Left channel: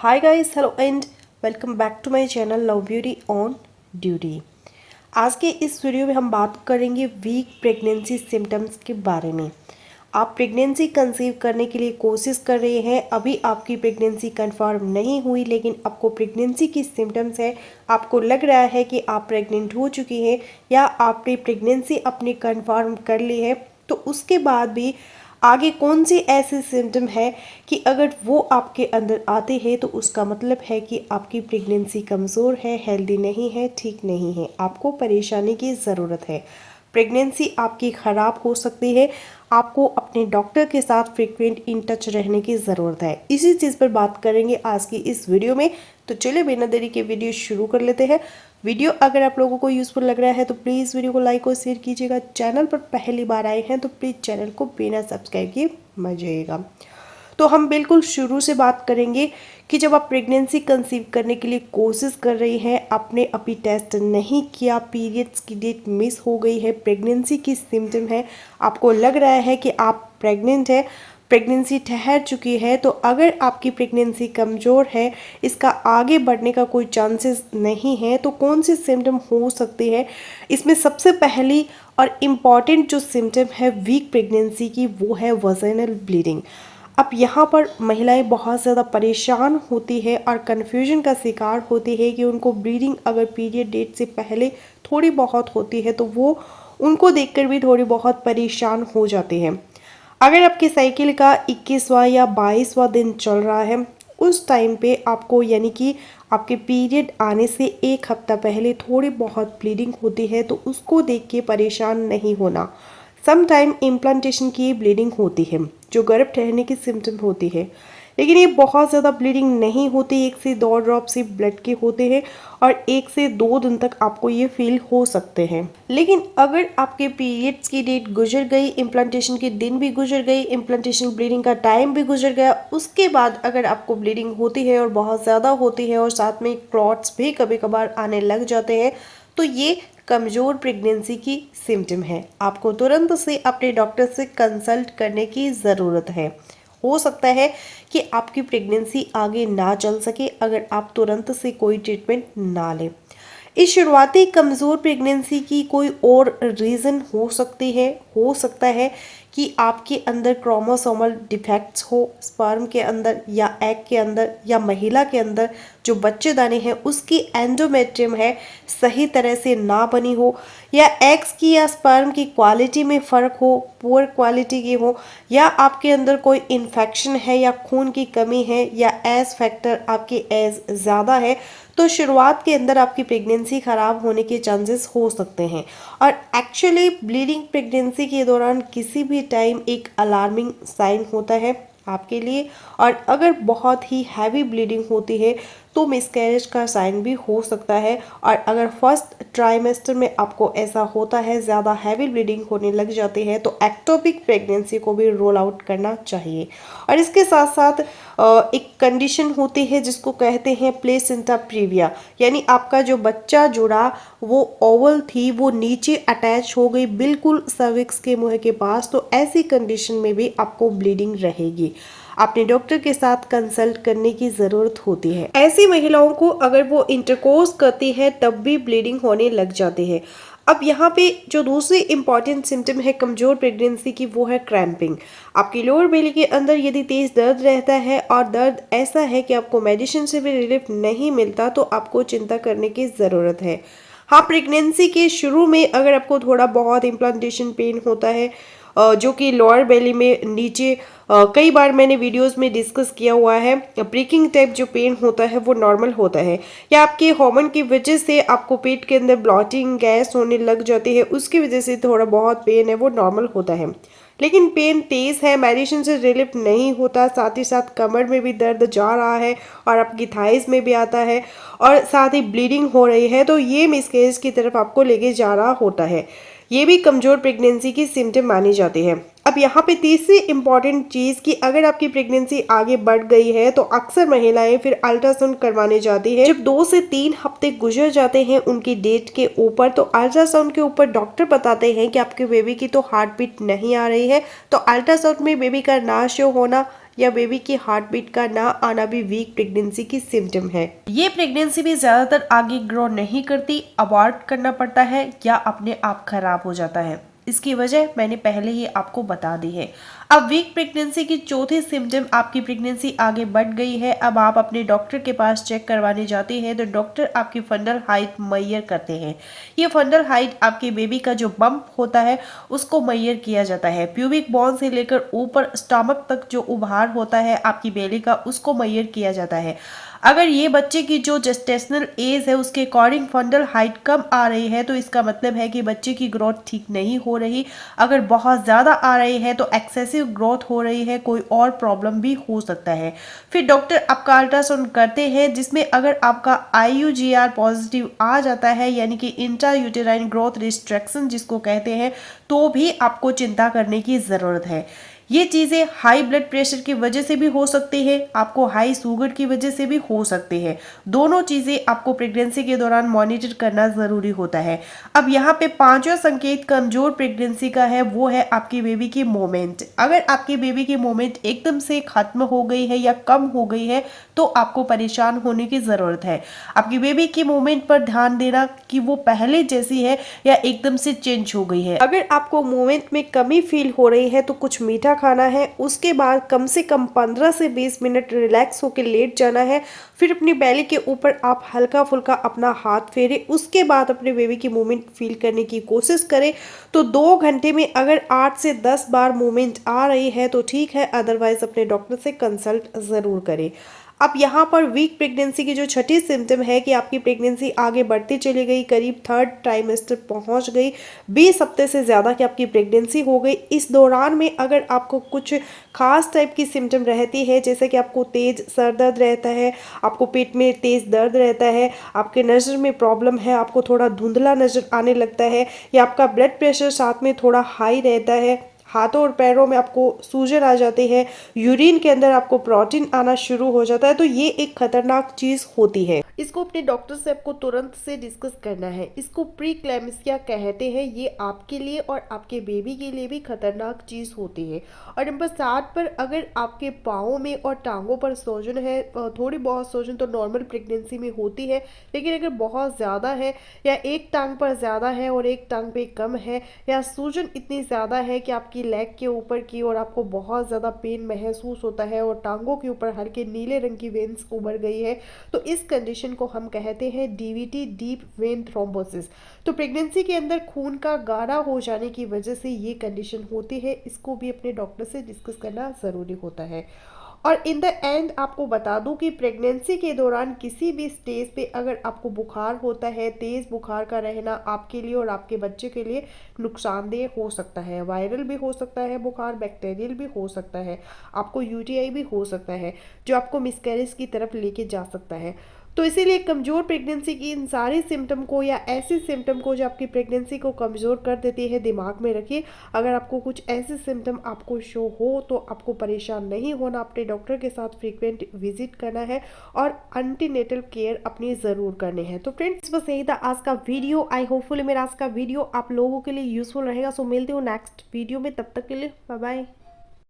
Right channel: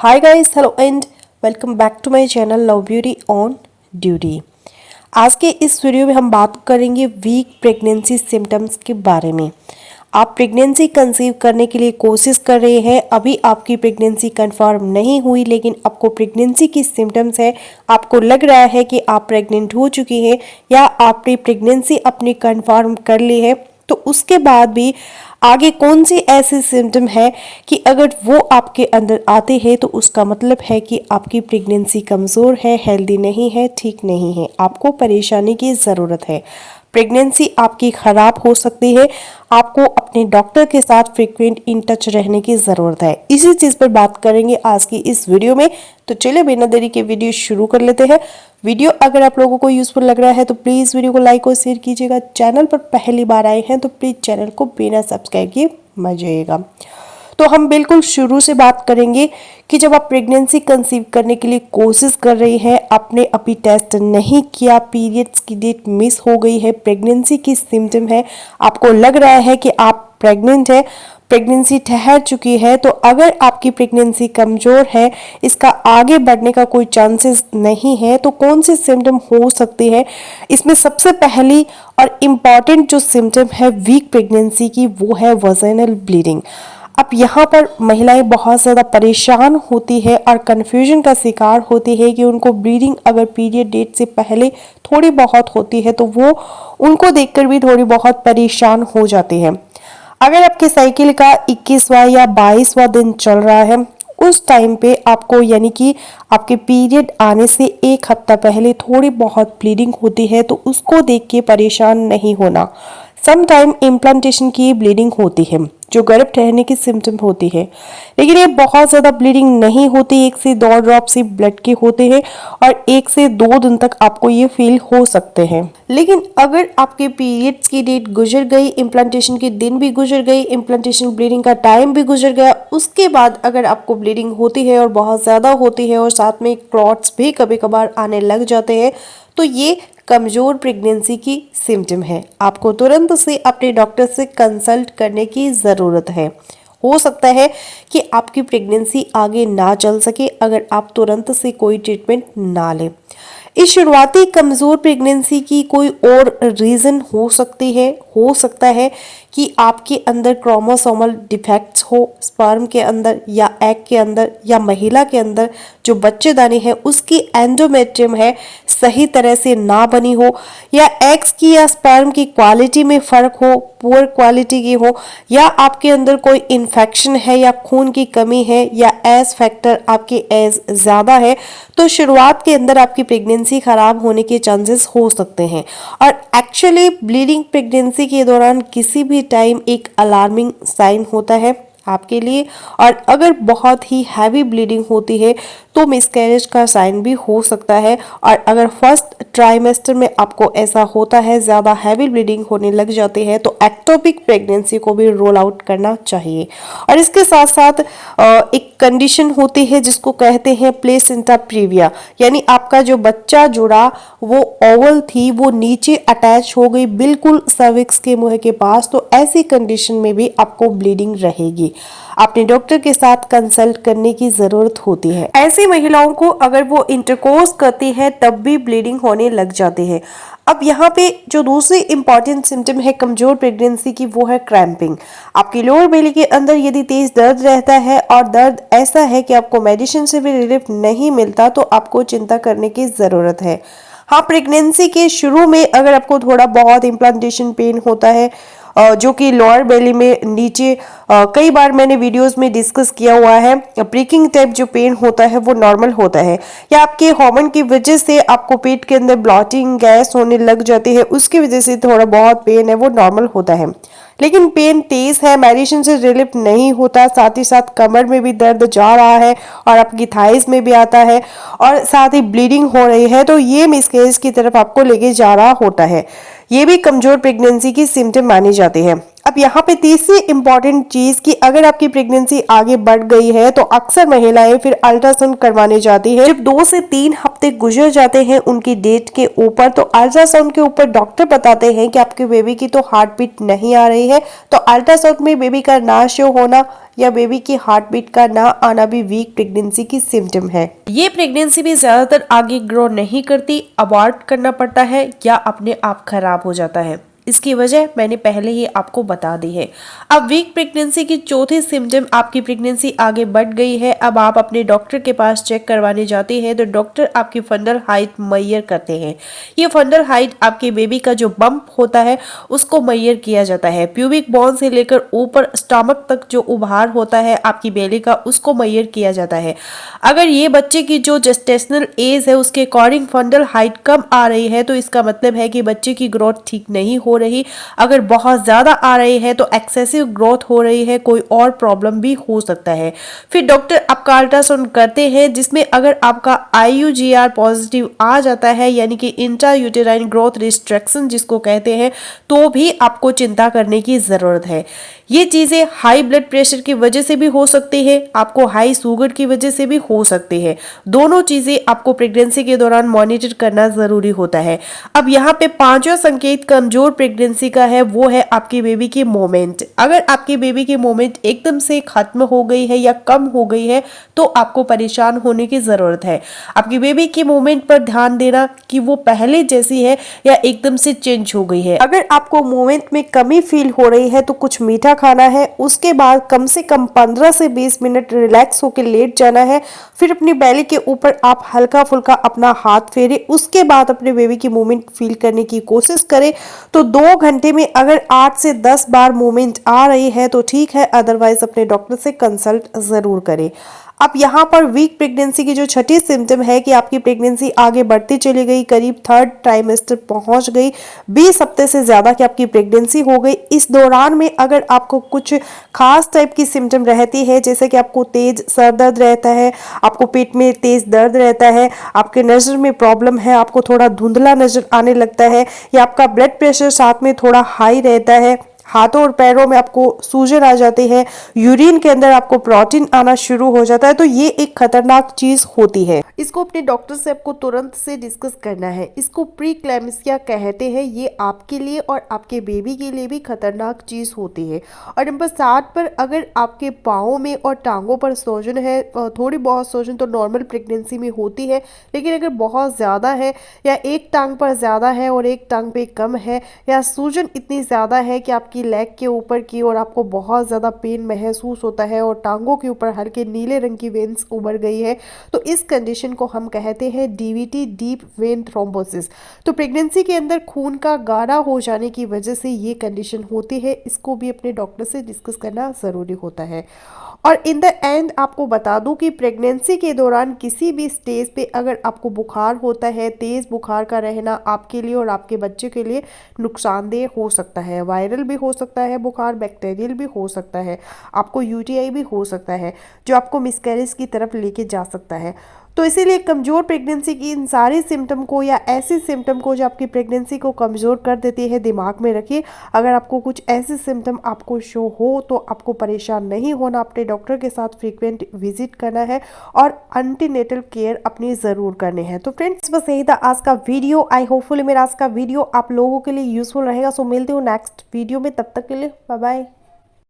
Hi guys, hello and welcome back to my channel love beauty on duty. आज के इस video में हम बात करेंगे वीक प्रेगनेंसी सिम्टम्स के बारे में। आप प्रेगनेंसी कंसीव करने के लिए कोशिश कर रहे हैं, अभी आपकी प्रेगनेंसी कंफर्म नहीं हुई लेकिन आपको प्रेगनेंसी की सिम्टम्स है, आपको लग रहा है कि आप प्रेग्नेंट हो चुकी हैं या आपने प्रेगनेंसी अपनी कंफर्म कर ली है, तो उसके बाद भी आगे कौन सी ऐसी सिम्टम है कि अगर वो आपके अंदर आते हैं तो उसका मतलब है कि आपकी प्रेगनेंसी कमज़ोर है, हेल्दी नहीं है, ठीक नहीं है, आपको परेशानी की ज़रूरत है। प्रेगनेंसी आपकी ख़राब हो सकती है, आपको अपने डॉक्टर के साथ फ्रीक्वेंट इन टच रहने की ज़रूरत है। इसी चीज़ पर बात करेंगे आज की इस वीडियो में। तो चलिए बिना देरी के वीडियो शुरू कर लेते हैं। वीडियो अगर आप लोगों को यूज़फुल लग रहा है तो प्लीज़ वीडियो को लाइक और शेयर कीजिएगा। चैनल पर पहली बार आए हैं तो प्लीज़ चैनल को बिना सब्सक्राइब किए मत जाइएगा। तो हम बिल्कुल शुरू से बात करेंगे कि जब आप प्रेगनेंसी कंसीव करने के लिए कोशिश कर रही हैं, आपने अभी टेस्ट नहीं किया, पीरियड्स की डेट मिस हो गई है, प्रेगनेंसी की सिम्टम है, आपको लग रहा है कि आप प्रेग्नेंट है, प्रेगनेंसी ठहर चुकी है, तो अगर आपकी प्रेगनेंसी कमज़ोर है, इसका आगे बढ़ने का कोई चांसेस नहीं है, तो कौन सी सिम्टम हो सकती है? इसमें सबसे पहली और इम्पॉर्टेंट जो सिम्टम है वीक प्रेगनेंसी की, वो है वजाइनल ब्लीडिंग। अब यहाँ पर महिलाएं बहुत ज़्यादा परेशान होती है और कन्फ्यूजन का शिकार होती है कि उनको ब्लीडिंग अगर पीरियड डेट से पहले थोड़ी बहुत होती है तो वो उनको देखकर भी थोड़ी बहुत परेशान हो जाती है। अगर आपके साइकिल का 21वां या 22वां दिन चल रहा है, उस टाइम पे आपको यानी कि आपके पीरियड आने से एक हफ्ता पहले थोड़ी बहुत ब्लीडिंग होती है तो उसको देख के परेशान नहीं होना। सम टाइम इम्प्लांटेशन की ब्लीडिंग होती है जो गर्भ ठहरने की सिम्टम होती है, लेकिन ये बहुत ज़्यादा ब्लीडिंग नहीं होती, 1 से 2 ड्रॉप से ब्लड के होते हैं और 1 से 2 दिन तक आपको ये फील हो सकते हैं। लेकिन अगर आपके पीरियड्स की डेट गुजर गई, इम्प्लांटेशन के दिन भी गुजर गई, इम्प्लांटेशन ब्लीडिंग का टाइम भी गुजर गया, उसके बाद अगर आपको ब्लीडिंग होती है और बहुत ज़्यादा होती है और साथ में क्लॉट्स भी कभी कभार आने लग जाते हैं, तो ये कमज़ोर प्रेगनेंसी की सिम्टम है। आपको तुरंत से अपने डॉक्टर से कंसल्ट करने की ज़रूरत है। हो सकता है कि आपकी प्रेगनेंसी आगे ना चल सके अगर आप तुरंत से कोई ट्रीटमेंट ना लें। इस शुरुआती कमज़ोर प्रेगनेंसी की कोई और रीज़न हो सकती है, हो सकता है कि आपके अंदर क्रोमोसोमल डिफेक्ट्स हो, स्पर्म के अंदर या एग के अंदर या महिला के अंदर जो बच्चेदानी है उसकी एंडोमेट्रियम है सही तरह से ना बनी हो, या एग्स की या स्पर्म की क्वालिटी में फ़र्क हो, पुअर क्वालिटी की हो, या आपके अंदर कोई इन्फेक्शन है या खून की कमी है या एज फैक्टर आपके एज ज़्यादा है, तो शुरुआत के अंदर आपकी प्रेगनेंसी ख़राब होने के चांसेस हो सकते हैं। और एक्चुअली ब्लीडिंग प्रेगनेंसी के दौरान किसी भी टाइम एक अलार्मिंग साइन होता है आपके लिए, और अगर बहुत ही हैवी ब्लीडिंग होती है तो मिसकैरेज का साइन भी हो सकता है। और अगर फर्स्ट ट्राइमेस्टर में आपको ऐसा होता है, ज़्यादा हैवी ब्लीडिंग होने लग जाती है, तो एक्टोपिक प्रेगनेंसी को भी रोल आउट करना चाहिए। और इसके साथ साथ एक कंडीशन होती है जिसको कहते हैं प्लेसेंटा प्रीविया, यानी आपका जो बच्चा जुड़ा वो ओवल थी, वो नीचे अटैच हो गई बिल्कुल सर्विक्स के मुंह के पास, तो ऐसी कंडीशन में भी आपको ब्लीडिंग रहेगी। अपने डॉक्टर के साथ कंसल्ट करने की ज़रूरत होती है। ऐसी महिलाओं को अगर वो इंटरकोर्स करती है तब भी ब्लीडिंग होने लग जाती है। अब यहाँ पे जो दूसरी इंपॉर्टेंट सिम्टम है कमजोर प्रेगनेंसी की, वो है क्रैम्पिंग। आपकी लोअर बेली के अंदर यदि तेज दर्द रहता है और दर्द ऐसा है कि आपको मेडिसिन से भी रिलीफ नहीं मिलता, तो आपको चिंता करने की ज़रूरत है। हाँ, प्रेगनेंसी के शुरू में अगर आपको थोड़ा बहुत इम्प्लांटेशन पेन होता है जो कि लोअर बेली में नीचे, कई बार मैंने वीडियोस में डिस्कस किया हुआ है, प्रिकिंग टाइप जो पेन होता है वो नॉर्मल होता है, या आपके हार्मोन की वजह से आपको पेट के अंदर ब्लॉटिंग गैस होने लग जाती है, उसकी वजह से थोड़ा बहुत पेन है वो नॉर्मल होता है। लेकिन पेन तेज है, मेडिसिन से रिलीफ नहीं होता, साथ ही साथ कमर में भी दर्द जा रहा है और आपकी थाइस में भी आता है और साथ ही ब्लीडिंग हो रही है, तो ये मिसकैरेज की तरफ आपको लेके जा रहा होता है, ये भी कमजोर प्रेगनेंसी की सिम्टम मानी जाती है। अब यहाँ पे तीसरी इंपॉर्टेंट चीज कि अगर आपकी प्रेगनेंसी आगे बढ़ गई है तो अक्सर महिलाएं फिर अल्ट्रासाउंड करवाने जाती है। जब 2 से 3 हफ्ते गुजर जाते हैं उनकी डेट के ऊपर, तो अल्ट्रासाउंड के ऊपर डॉक्टर बताते हैं कि आपके बेबी की तो हार्ट बीट नहीं आ रही है, तो अल्ट्रासाउंड में बेबी का ना शो होना या बेबी की हार्ट बीट का ना आना भी वीक प्रेगनेंसी की सिम्टम है। ये प्रेगनेंसी भी ज्यादातर आगे ग्रो नहीं करती, अबॉर्ट करना पड़ता है या अपने आप खराब हो जाता है। इसकी वजह मैंने पहले ही आपको बता दी है। अब वीक प्रेगनेंसी की चौथी सिम्टम, आपकी प्रेगनेंसी आगे बढ़ गई है, अब आप अपने डॉक्टर के पास चेक करवाने जाते हैं तो डॉक्टर आपकी फंडल हाइट मैयर करते हैं। ये फंडल हाइट आपके बेबी का जो बम्प होता है उसको मैयर किया जाता है। प्यूबिक बोन से लेकर ऊपर स्टमक तक जो उभार होता है आपकी बेली का, उसको मैयर किया जाता है। अगर ये बच्चे की जो जेस्टेशनल एज है उसके अकॉर्डिंग फंडल हाइट कम आ रही है तो इसका मतलब है कि बच्चे की ग्रोथ ठीक नहीं हो रही। अगर बहुत ज़्यादा आ रही है तो एक्सेसिव ग्रोथ हो रही है, कोई और प्रॉब्लम भी हो सकता है। फिर डॉक्टर आपका अल्ट्रासाउंड करते हैं जिसमें अगर आपका IUGR पॉजिटिव आ जाता है, यानी कि इंट्रा यूटेराइन ग्रोथ रिस्ट्रिक्शन जिसको कहते हैं, तो भी आपको चिंता करने की ज़रूरत है। ये चीज़ें हाई ब्लड प्रेशर की वजह से भी हो सकती है, आपको हाई शुगर की वजह से भी हो सकती है। दोनों चीज़ें आपको प्रेगनेंसी के दौरान मॉनिटर करना ज़रूरी होता है। अब यहाँ पे पांचवा संकेत कमजोर प्रेगनेंसी का है, वो है आपकी बेबी की मोमेंट। अगर आपकी बेबी की मोमेंट एकदम से खत्म हो गई है या कम हो गई है तो आपको परेशान होने की ज़रूरत है। आपकी बेबी की मोमेंट पर ध्यान देना कि वो पहले जैसी है या एकदम से चेंज हो गई है। अगर आपको मोमेंट में कमी फील हो रही है तो कुछ मीठा खाना है, उसके बाद कम से कम 15 से 20 मिनट रिलैक्स होकर लेट जाना है। फिर अपनी बेली के ऊपर आप हल्का फुल्का अपना हाथ फेरे, उसके बाद अपने बेबी की मूवमेंट फील करने की कोशिश करें। तो 2 घंटे में अगर 8 से 10 बार मूवमेंट आ रही है तो ठीक है, अदरवाइज अपने डॉक्टर से कंसल्ट जरूर करें। अब यहाँ पर वीक प्रेगनेंसी की जो छठी सिम्टम है कि आपकी प्रेगनेंसी आगे बढ़ती चली गई, करीब 3rd ट्राइमेस्टर पहुंच गई, 20 हफ्ते से ज़्यादा की आपकी प्रेगनेंसी हो गई। इस दौरान में अगर आपको कुछ खास टाइप की सिम्टम रहती है, जैसे कि आपको तेज सर दर्द रहता है, आपको पेट में तेज दर्द रहता है, आपके नज़र में प्रॉब्लम है, आपको थोड़ा धुंधला नज़र आने लगता है, या आपका ब्लड प्रेशर साथ में थोड़ा हाई रहता है, हाथों और पैरों में आपको सूजन आ जाती है, यूरिन के अंदर आपको प्रोटीन आना शुरू हो जाता है, तो ये एक खतरनाक चीज होती है। इसको अपने डॉक्टर से आपको तुरंत से डिस्कस करना है। इसको प्री क्लैम्सिया कहते हैं। ये आपके लिए और आपके बेबी के लिए भी खतरनाक चीज होती है। और नंबर 7 पर, अगर आपके पाँव में और टांगों पर सूजन है, थोड़ी बहुत सूजन तो नॉर्मल प्रेगनेंसी में होती है, लेकिन अगर बहुत ज़्यादा है या एक टांग पर ज़्यादा है और एक टांग पे कम है, या सूजन इतनी ज़्यादा है कि आपकी लेग के ऊपर की और आपको बहुत ज़्यादा पेन महसूस होता है और टांगों के ऊपर हल्के नीले रंग की वेन्स उभर गई है, तो इस कंडीशन को हम कहते हैं DVT, डीप वेन थ्रोम्बोसिस। तो प्रेगनेंसी के अंदर खून का गाढ़ा हो जाने की वजह से ये कंडीशन होती है। इसको भी अपने डॉक्टर से डिस्कस करना ज़रूरी होता है। और इन द एंड आपको बता दूं कि प्रेगनेंसी के दौरान किसी भी स्टेज पे अगर आपको बुखार होता है, तेज़ बुखार का रहना आपके लिए और आपके बच्चे के लिए नुकसानदेह हो सकता है। वायरल भी हो सकता है बुखार, बैक्टीरियल भी हो सकता है, आपको UTI भी हो सकता है, जो आपको मिसकैरेज की तरफ लेके जा सकता है। तो इसीलिए कमज़ोर प्रेगनेंसी की इन सारी सिम्टम को या ऐसी सिम्टम को जो आपकी प्रेगनेंसी को कमज़ोर कर देती है, दिमाग में रखिए। अगर आपको कुछ ऐसे सिम्टम आपको शो हो तो आपको परेशान नहीं होना, अपने डॉक्टर के साथ फ्रीक्वेंट विजिट करना है और एंटीनेटल केयर अपनी ज़रूर करने हैं। तो फ्रेंड्स, बस यही था आज का वीडियो। आई होपफुली मेरा आज का वीडियो आप लोगों के लिए यूज़फुल रहेगा। सो मिलती हूँ नेक्स्ट वीडियो में, तब तक के लिए बाय बाय।